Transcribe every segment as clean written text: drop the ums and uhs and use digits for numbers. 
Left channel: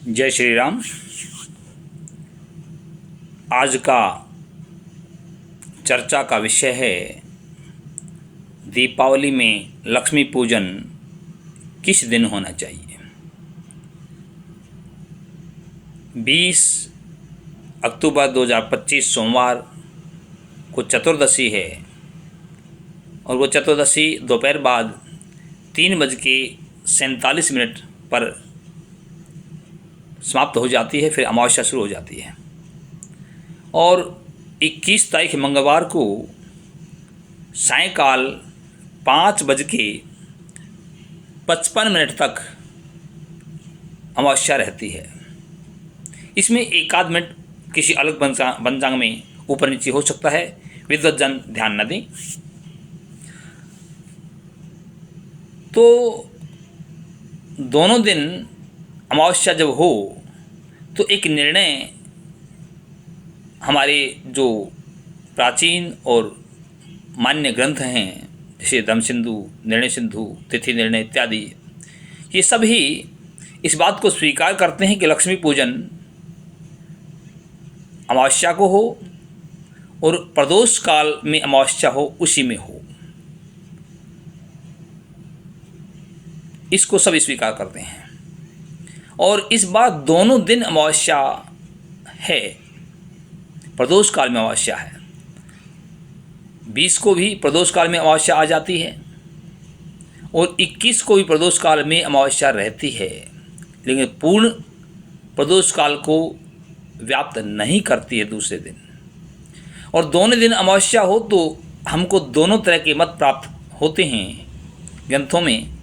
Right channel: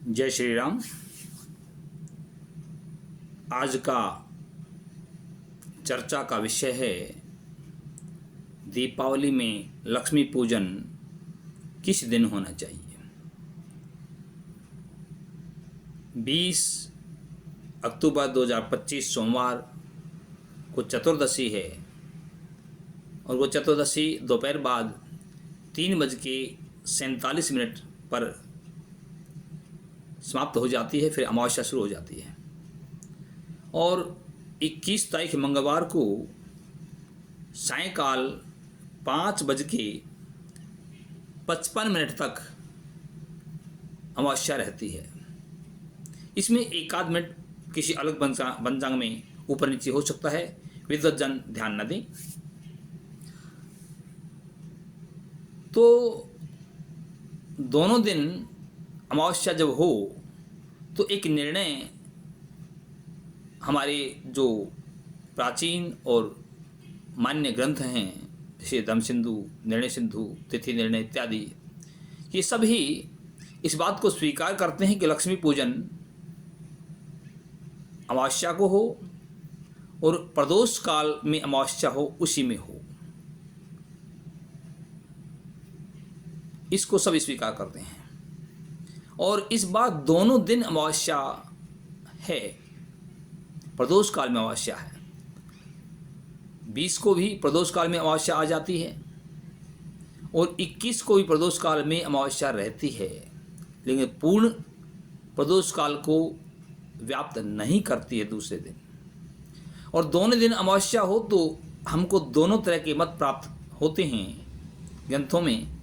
जय श्री राम। आज का चर्चा का विषय है दीपावली में लक्ष्मी पूजन किस दिन होना चाहिए। 20 अक्टूबर 2025 सोमवार को चतुर्दशी है और वो चतुर्दशी दोपहर बाद 3:47 पर समाप्त हो जाती है, फिर अमावस्या शुरू हो जाती है। और 21 तारीख मंगलवार को सायंकाल 5:55 तक अमावस्या रहती है। इसमें एक आध मिनट किसी अलग पंचांग में ऊपर नीचे हो सकता है, विद्वज्जन ध्यान न दें। तो दोनों दिन अमावस्या जब हो तो एक निर्णय हमारे जो प्राचीन और मान्य ग्रंथ हैं, जैसे धम्म सिंधु, निर्णय सिंधु, तिथि निर्णय इत्यादि, ये सभी इस बात को स्वीकार करते हैं कि लक्ष्मी पूजन अमावस्या को हो और प्रदोष काल में अमावस्या हो, उसी में हो। इसको सब स्वीकार करते हैं। और इस बार दोनों दिन अमावस्या है, प्रदोष काल में अमावस्या है। 20 को भी प्रदोष काल में अमावस्या आ जाती है और 21 को भी प्रदोष काल में अमावस्या रहती है, लेकिन पूर्ण प्रदोष काल को व्याप्त नहीं करती है दूसरे दिन। और दोनों दिन अमावस्या हो तो हमको दोनों तरह के मत प्राप्त होते हैं ग्रंथों में,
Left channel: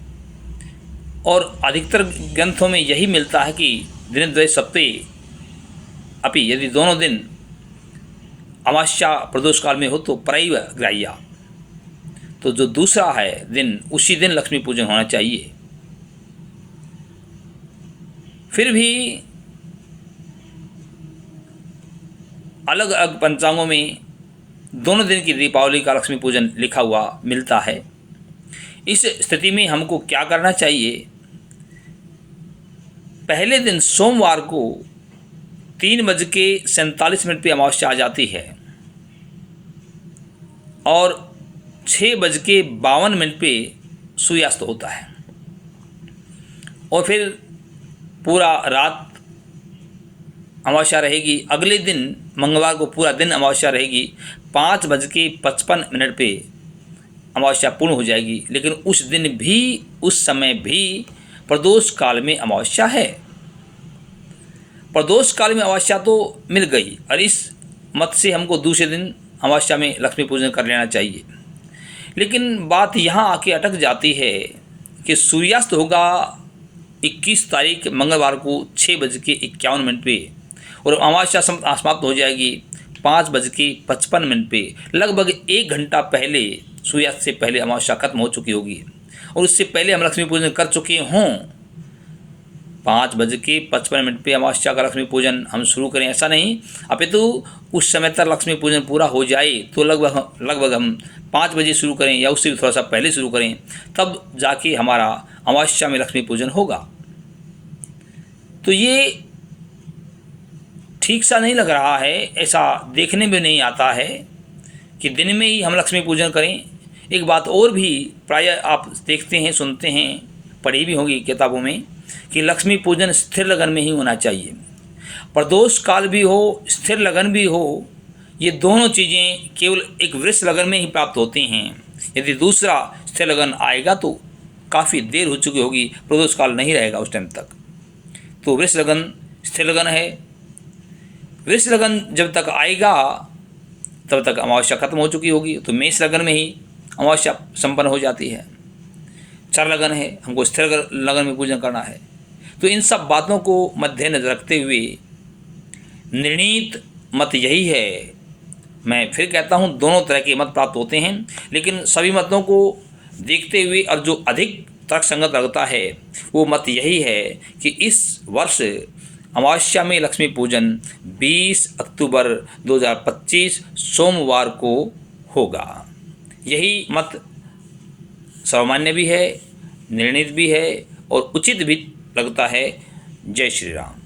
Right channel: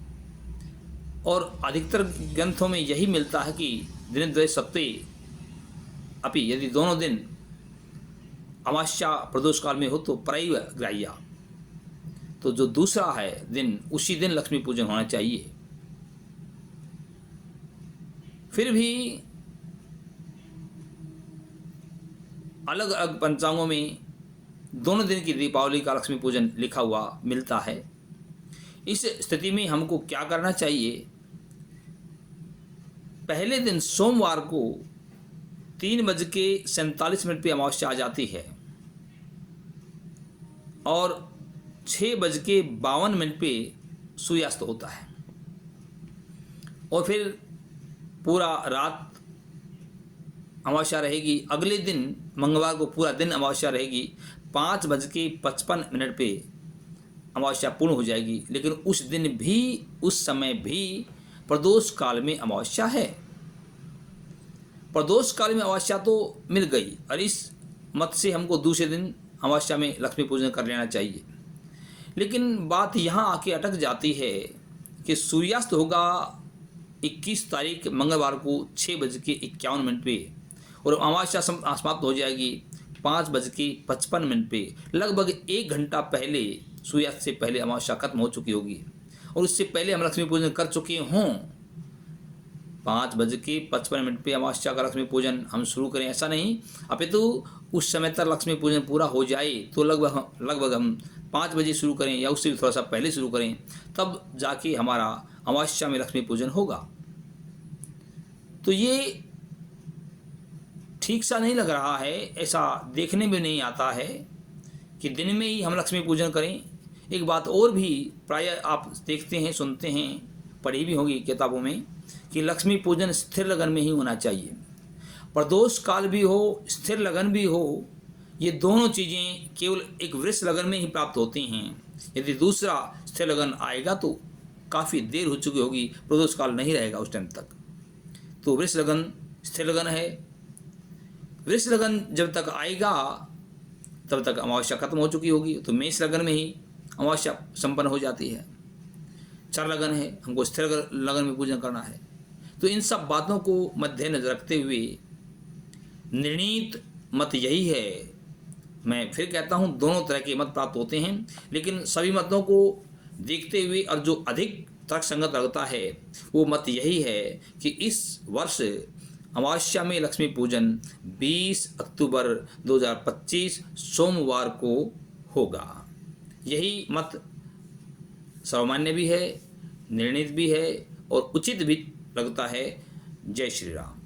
और अधिकतर ग्रंथों में यही मिलता है कि दिनद्वय सप्ते अपि, यदि दोनों दिन अमावस्या प्रदोष काल में हो तो परैव ग्राह्या, तो जो दूसरा है दिन, उसी दिन लक्ष्मी पूजन होना चाहिए। फिर भी अलग अलग पंचांगों में दोनों दिन की दीपावली का लक्ष्मी पूजन लिखा हुआ मिलता है। इस स्थिति में हमको क्या करना चाहिए? पहले दिन सोमवार को 3:47 पे अमावस्या आ जाती है और 6:52 पे सूर्यास्त होता है, और फिर पूरा रात अमावस्या रहेगी। अगले दिन मंगलवार को पूरा दिन अमावस्या रहेगी। 5:55 पे अमावस्या पूर्ण हो जाएगी, लेकिन उस दिन भी, उस समय भी प्रदोष काल में अमावस्या है। प्रदोष काल में अमावस्या तो मिल गई, और इस मत से हमको दूसरे दिन अमावस्या में लक्ष्मी पूजन कर लेना चाहिए। लेकिन बात यहाँ आके अटक जाती है कि सूर्यास्त होगा 21 तारीख मंगलवार को 6:51 पे, और अमावस्या समाप्त हो जाएगी 5:55 पे। लगभग 1 घंटा पहले, सूर्यास्त से पहले अमावस्या खत्म हो चुकी होगी, और उससे पहले हम लक्ष्मी पूजन कर चुके हों। 5:55 पे अमावस्या का लक्ष्मी पूजन हम शुरू करें, ऐसा नहीं, अपितु उस समय तक लक्ष्मी पूजन पूरा हो जाए तो लगभग हम 5 बजे शुरू करें या उससे भी थोड़ा सा पहले शुरू करें, तब जाके हमारा अमावस्या में लक्ष्मी पूजन होगा। तो ये ठीक सा नहीं लग रहा है, ऐसा देखने में नहीं आता है कि दिन में ही हम लक्ष्मी पूजन करें। एक बात और भी प्रायः आप देखते हैं, सुनते हैं, पढ़ी भी होगी किताबों में, कि लक्ष्मी पूजन स्थिर लगन में ही होना चाहिए। प्रदोष काल भी हो, स्थिर लगन भी हो, ये दोनों चीज़ें केवल एक वृष लगन में ही प्राप्त होती हैं। यदि दूसरा स्थिर लगन आएगा तो काफ़ी देर हो चुकी होगी, प्रदोष काल नहीं रहेगा उस टाइम तक। तो वृष लगन स्थिर लगन है। वृष लगन जब तक आएगा तब तक अमावस्या खत्म हो चुकी होगी, तो मेष लगन में ही अमावस्या संपन्न हो जाती है। चर लगन है, हमको स्थिर लगन में पूजन करना है। तो इन सब बातों को मद्देनजर रखते हुए निर्णीत मत यही है। मैं फिर कहता हूँ, दोनों तरह के मत प्राप्त होते हैं, लेकिन सभी मतों को देखते हुए और जो अधिक तर्कसंगत लगता है वो मत यही है कि इस वर्ष अमावस्या में लक्ष्मी पूजन 20 अक्टूबर 2025 सोमवार को होगा। यही मत सर्वमान्य भी है, निर्णित भी है और उचित भी लगता है। जय श्री राम।